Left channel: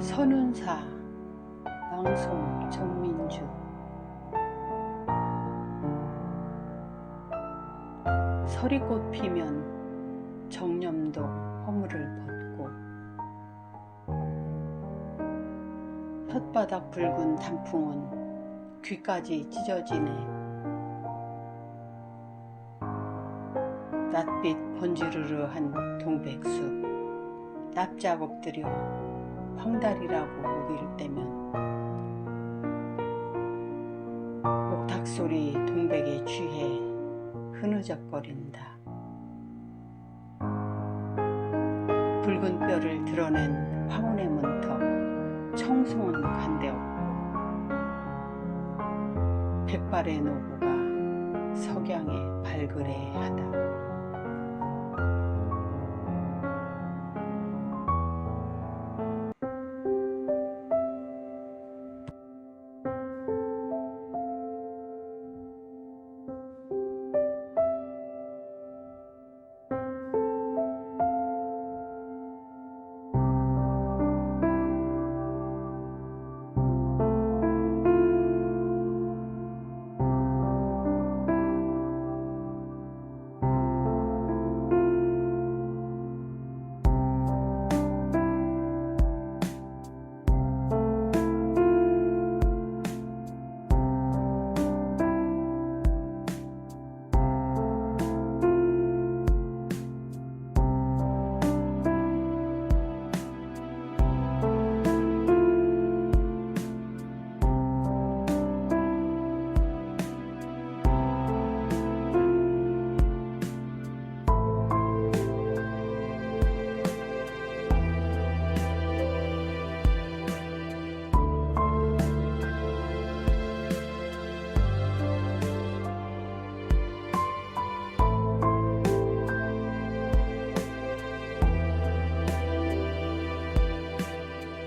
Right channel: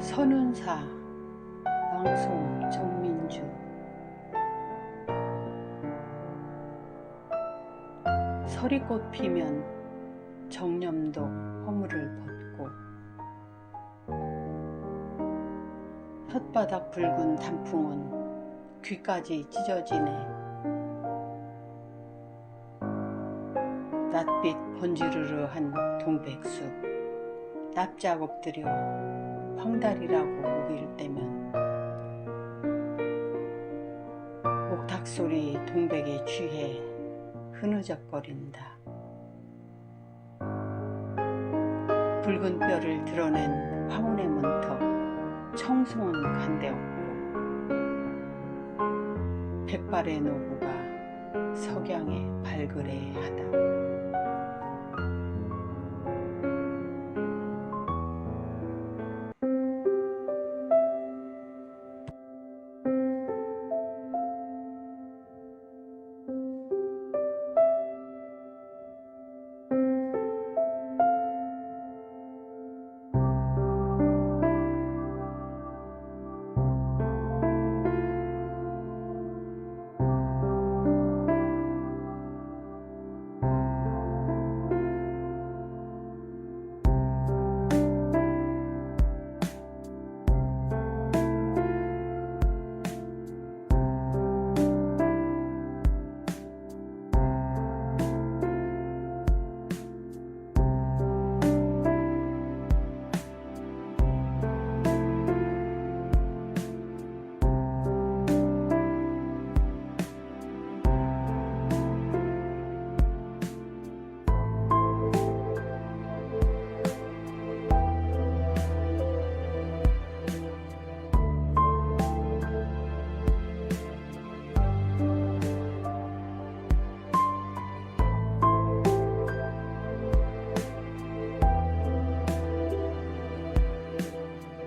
선운사 방송 정민주. 서리꽃 피면 정념도 허물을 벗고 혓바닥 붉은 단풍은 귀까지 찢어지네. 낯빛 번지르르한 동백숲 납작 엎드려 황달이라고 우기를 떼면 목탁 소리 동백에 취해 흐느적거린다. 붉은 뼈를 드러낸 황혼의 문턱 청송은 간대없고 백발의 노부가 석양에 발그레하다.